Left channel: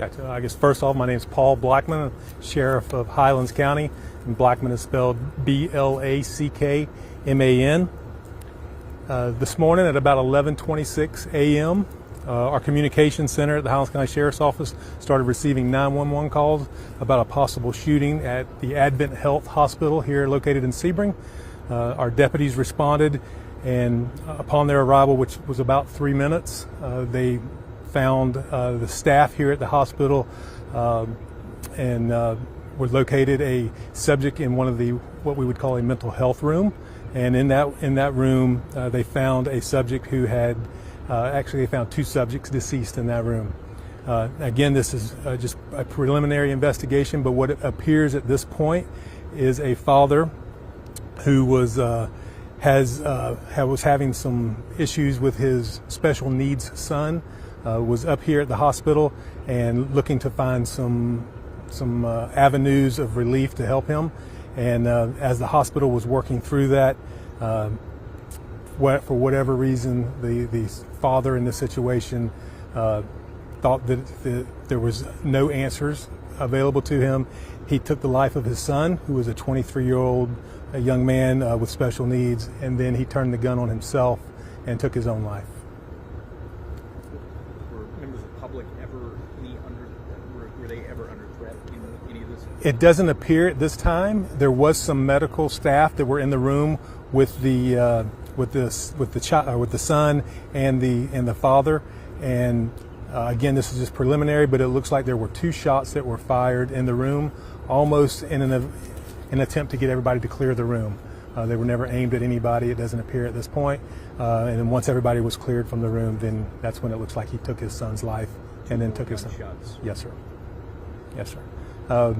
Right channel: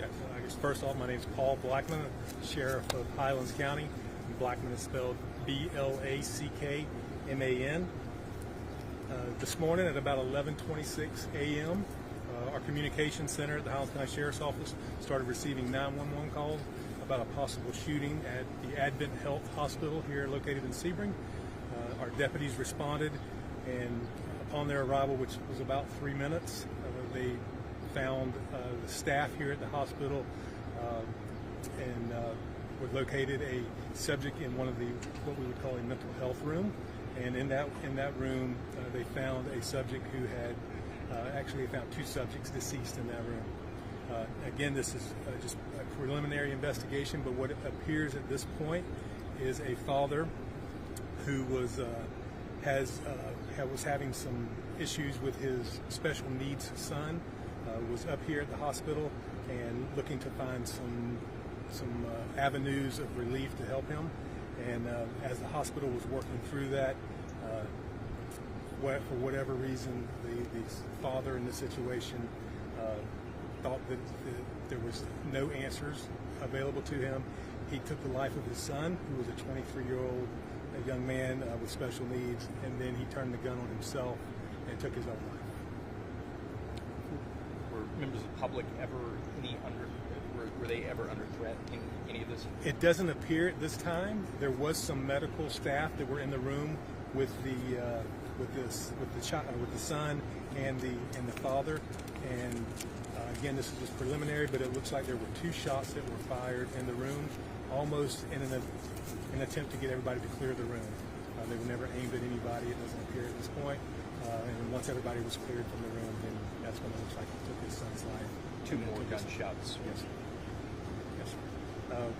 Gotcha. I guess first off, my name is Paul Blackman, Sheriff of Highlands County, and Blackman is spelled Blackman. This morning at about 11:26 a.m., our communications center at the Highlands County Sheriff's Office started receiving 911 calls about a possible shooting at the Advent Health Hospital here located in Sebring. Our deputies responded, and upon their arrival, which was about 3 minutes, they found the staff here at the hospital and were located a subject in one of the what we would call a mental health room. And in that room, they found a subject who had actually they found two subjects deceased in that room. Again, this is just a preliminary investigation, but what appears at this point is a father who was having some issues with his special needs son. Was up here at the hospital and looking to find some avenues of relief to help him. And as the hospital was working through that, for whatever reason, the father in this situation thought that there was no answers available to him. He took the life of his son, who was a 23-year-old young man with special needs, and then he turned the gun on himself and took his own life. Members of the public were they ever under threat in any of this? It doesn't appear at this time. There was some medical staff that were in the room with the son and the father. And again, this is just preliminary, but it looks like there were two shots that were fired in the room, almost in an attempt to get everybody to clear the room. They were never aimed at anybody. It doesn't appear at this point. And then once everybody was cleared from the room, then that's when it looks like he took his son's life and then took his son. Shots. Yes, sir. Yes, sir.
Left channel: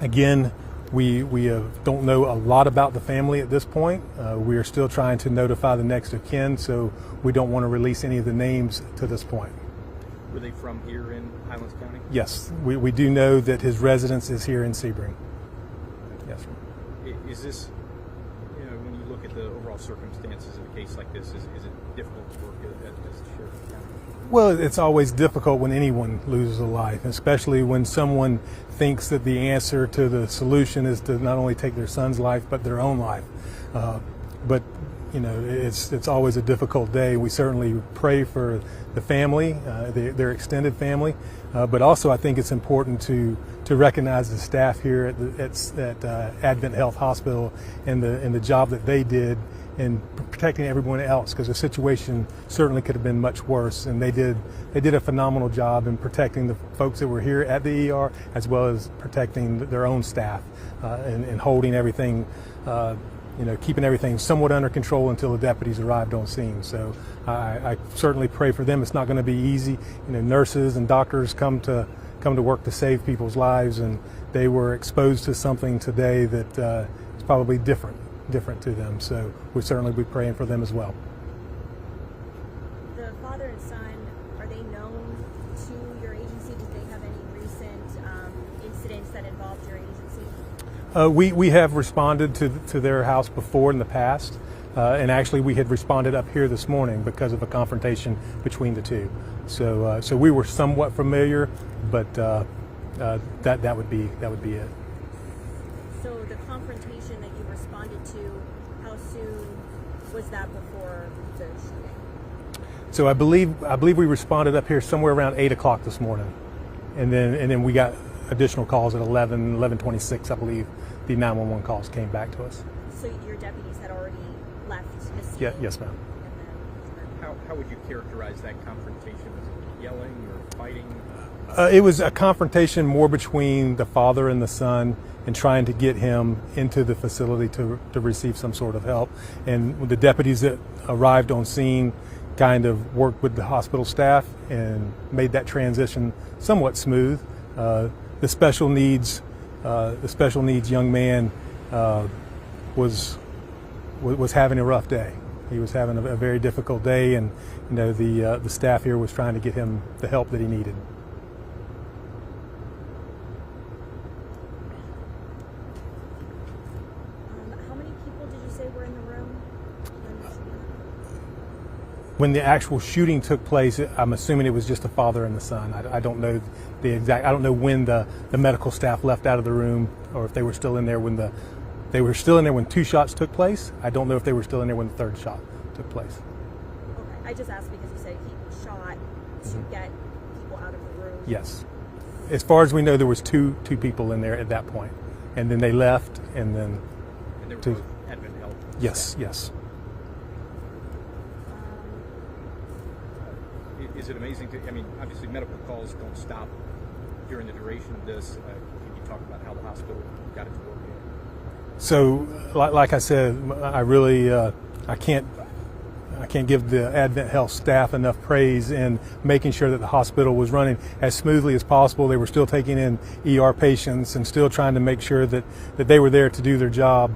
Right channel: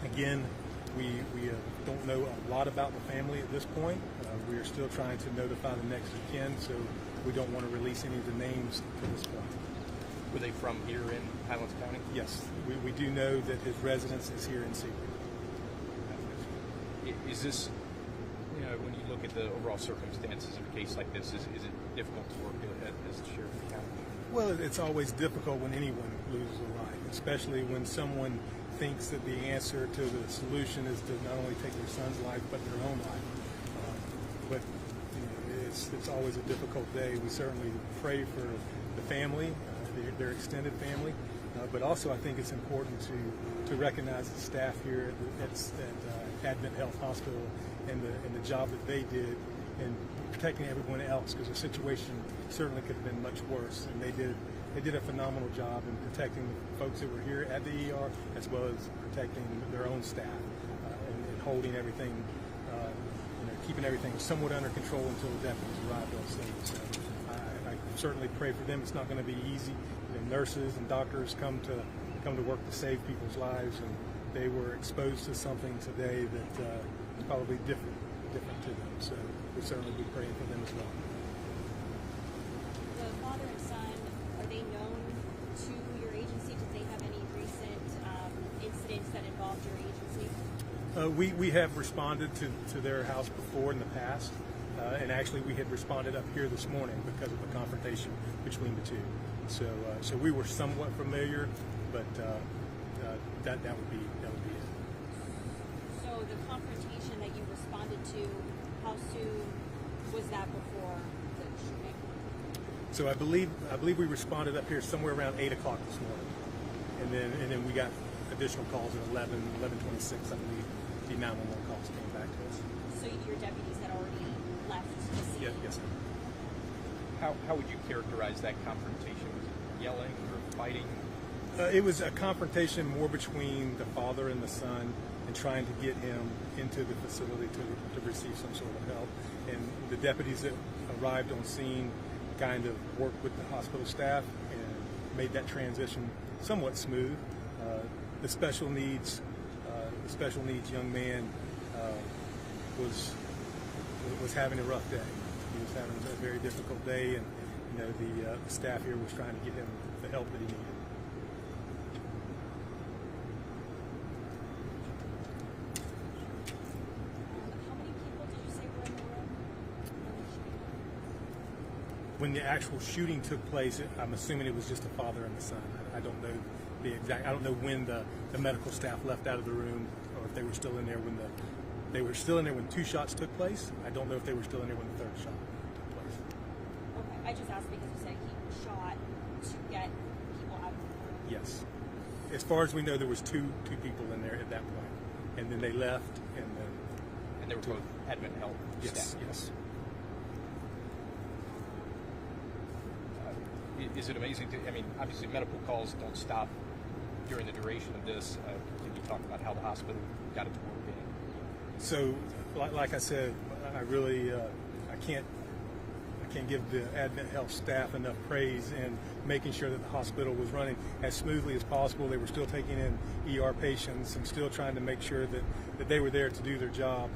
Again, we don't know a lot about the family at this point. We are still trying to notify the next of kin, so we don't want to release any of the names to this point. Were they from here in Highlands County? Yes, we do know that his residence is here in Sebring. Yes, sir. Is this, when you look at the overall circumstances of a case like this, is it difficult to work as the sheriff of the county? Well, it's always difficult when anyone loses a life, especially when someone thinks that the answer to the solution is to not only take their son's life, but their own life. But it's always a difficult day. We certainly pray for the family, their extended family, but also I think it's important to recognize the staff here at Advent Health Hospital and the job that they did in protecting everyone else, because the situation certainly could have been much worse, and they did a phenomenal job in protecting the folks that were here at the ER, as well as protecting their own staff and holding everything, keeping everything somewhat under control until the deputies arrived on scene. So I certainly pray for them. It's not going to be easy. Nurses and doctors come to work to save people's lives, and they were exposed to something today that is probably different to them. So we certainly be praying for them as well. The father and son, are they known to your agency? Did they have any recent incidents that involved your agency? We have responded to their house before in the past, and actually we had responded up here this morning because of a confrontation between the two. So we were somewhat familiar, but that would be it. So the confrontation that you responded to, how soon was that before the shooting? So I believe we responded up here somewhere around 8 o'clock this morning, and then we got additional calls at 11:26. I believe the 911 calls came back to us. So your deputies had already left the scene? Yes, ma'am. How would you characterize that confrontation? Was it yelling or fighting? It was a confrontation more between the father and the son, and trying to get him into the facility to receive some sort of help. And the deputies that arrived on scene kind of worked with the hospital staff and made that transition somewhat smooth. The special needs young man was having a rough day. He was having a very difficult day, and the staff here was trying to get him the help that he needed. When the actual shooting took place, I'm assuming it was just the father and the son. I don't know the exact. I don't know when the medical staff left out of the room, or if they were still in there when they were still in there when 2 shots took place. I don't know if they were still in there when the 3rd shot took place. Okay, I just asked because you said he shot to get people out of the room. Yes, as far as we know, there was two people in there at that point, and then they left, and then. And they were Two. both Advent Health. Yes, staff. yes. Is it amazing to? I mean, obviously, medical calls don't stop during the duration of this. Can you talk about how the hospital got it to work? So, like I said, I really I can't give the Advent Health staff enough praise in making sure that the hospital was running as smoothly as possible. They were still taking in ER patients and still trying to make sure that they were there to do their job,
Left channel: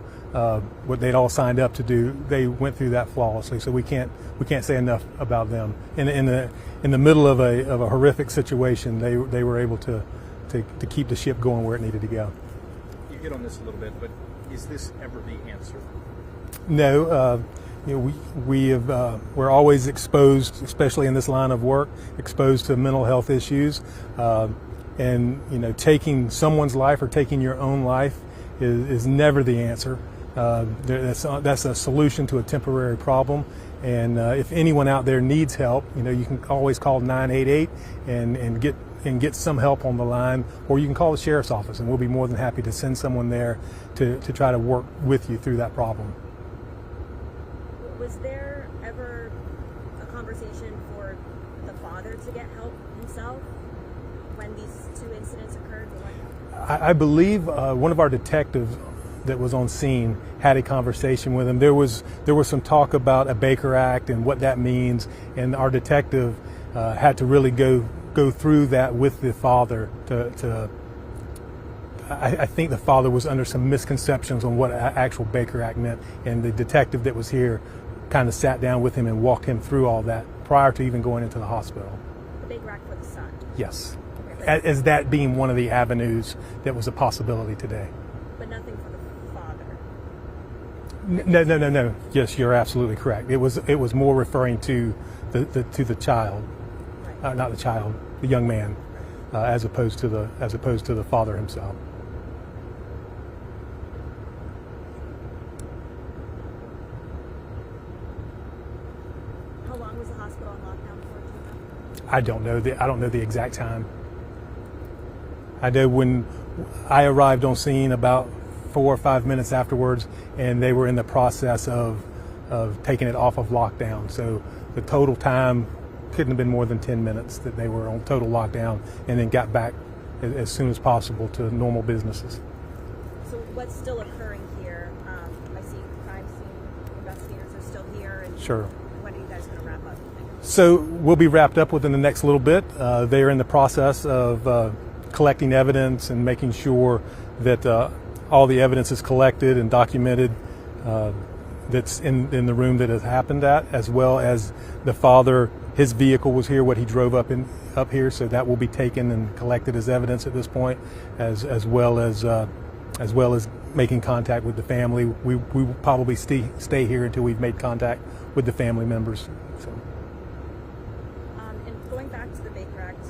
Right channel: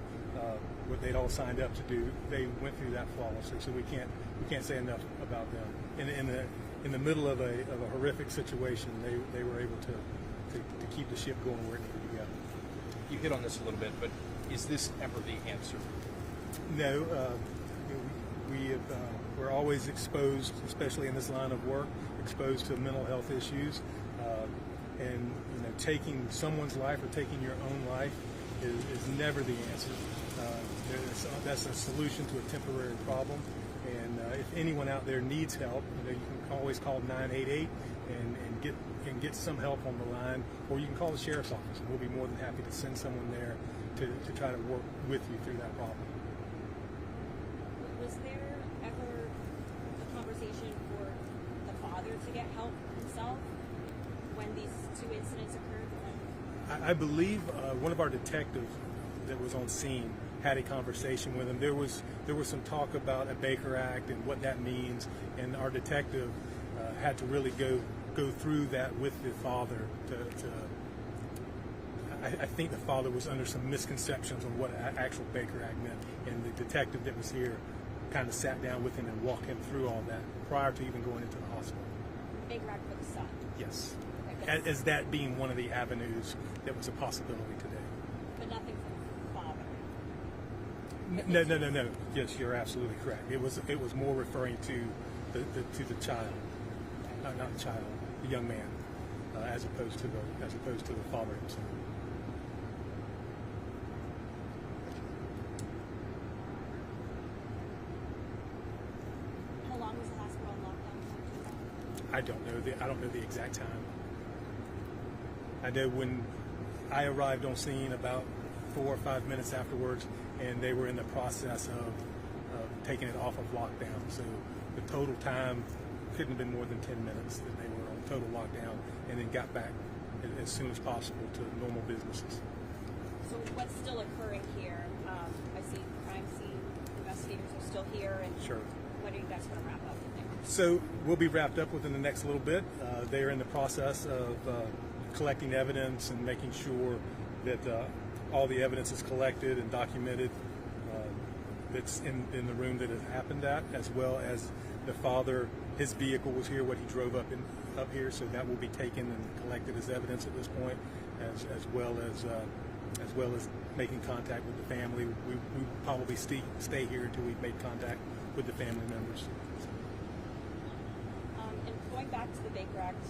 what they'd all signed up to do. They went through that flawlessly. So we can't say enough about them. In the middle of a horrific situation, they were able to keep the ship going where it needed to go. You hit on this a little bit, but is this ever the answer? No, we're always exposed, especially in this line of work, exposed to mental health issues, and taking someone's life or taking your own life is never the answer. That's a solution to a temporary problem. And if anyone out there needs help, you can always call 988 and get some help on the line, or you can call the sheriff's office, and we'll be more than happy to send someone there to try to work with you through that problem. Was there ever a conversation for the father to get help himself when these 2 incidents occurred? I believe one of our detectives that was on scene had a conversation with him. There was some talk about a Baker Act and what that means, and our detective had to really go through that with the father I think the father was under some misconceptions on what actual Baker Act meant, and the detective that was here kind of sat down with him and walked him through all that prior to even going into the hospital. The Baker Act for the son? Yes. Okay, As that being one of the avenues that was a possibility today. but nothing for the father? No. Yes, you're absolutely correct. It was more referring to the child, Right. not the child, the young man, as opposed to the father himself. How long was the hospital on lockdown for, do you know? I don't know the exact time. I know when I arrived on scene about 4 or 5 minutes afterwards, and they were in the process of taking it off of lockdown. So the total time couldn't have been more than 10 minutes that they were on total lockdown, and then got back as soon as possible to normal businesses. So what's still occurring here? I see crime scene investigators are still here, and Sure. when are you guys going to wrap up, you think? So we'll be wrapped up within the next little bit. They are in the process of collecting evidence and making sure that all the evidence is collected and documented that's in the room that it happened at, as well as the father. His vehicle was here, what he drove up here, so that will be taken and collected as evidence at this point, as well as making contact with the family. We will probably stay here until we've made contact with the family members. So. And going back to the Baker Act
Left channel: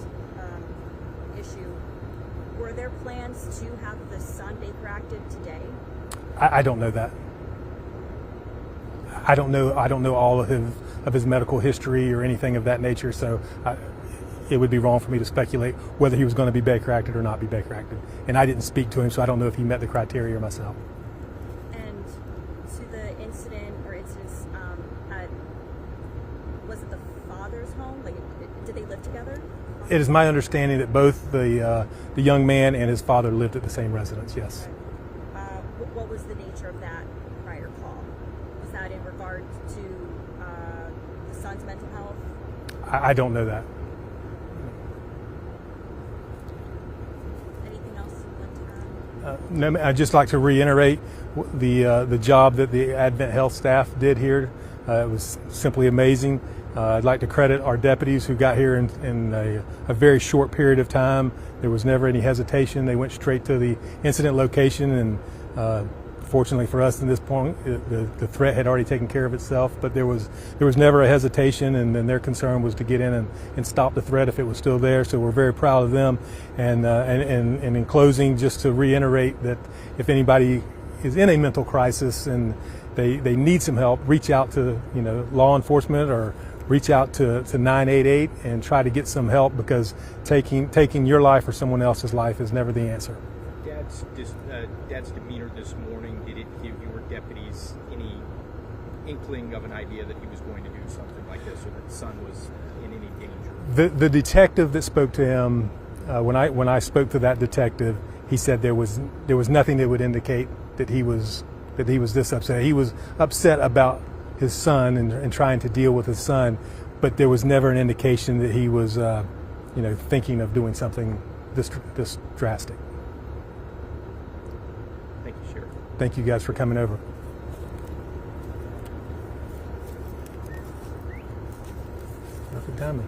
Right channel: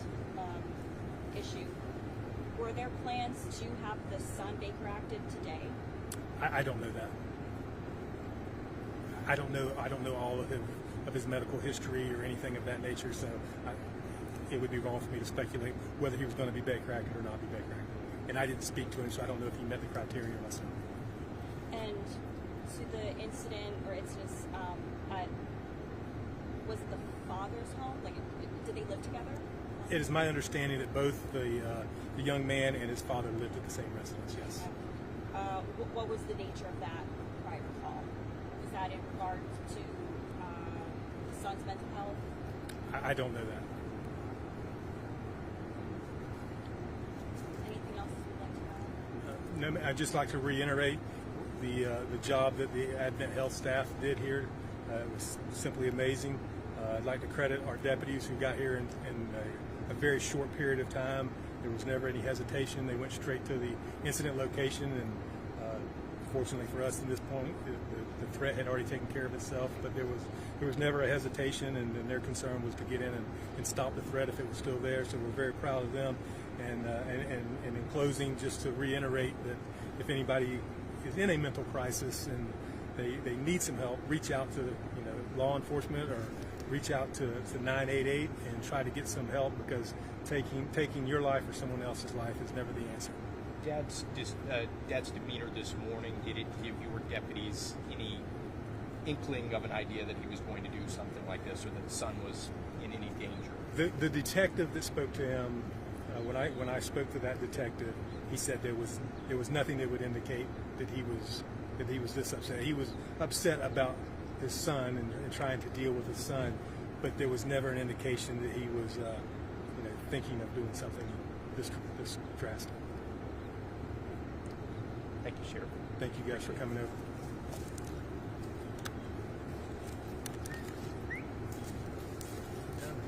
issue, were there plans to have the son Baker Acted today? I don't know that. I don't know all of his medical history or anything of that nature, so it would be wrong for me to speculate whether he was going to be Baker Acted or not be Baker Acted. And I didn't speak to him, so I don't know if he met the criteria myself. And to the incident or incidents was it the father's home? Like, did they live together? It is my understanding that both the young man and his father lived at the same residence. Yes. What was the nature of that prior call? Was that in regard to the son's mental health? I don't know that. Anything else you'd like to add? No, I'd just like to reiterate the job that the Advent Health staff did here. It was simply amazing. I'd like to credit our deputies who got here in a very short period of time. There was never any hesitation. They went straight to the incident location and Fortunately for us, at this point, the threat had already taken care of itself. But there was never a hesitation, and their concern was to get in and stop the threat if it was still there. So we're very proud of them. And in closing, just to reiterate that if anybody is in a mental crisis and they need some help, reach out to law enforcement or reach out to 988 and try to get some help, because taking your life or someone else's life is never the answer. Dad's demeanor this morning, did it give your deputies any inkling of an idea that he was going to do something like this, or that the son was in any danger? The detective that spoke to him, when I spoke to that detective, he said there was nothing that would indicate that he was this upset. He was upset about his son and trying to deal with his son, but there was never an indication that he was thinking of doing something this drastic. Thank you, Sheriff. Thank you guys for coming over. Perfect timing.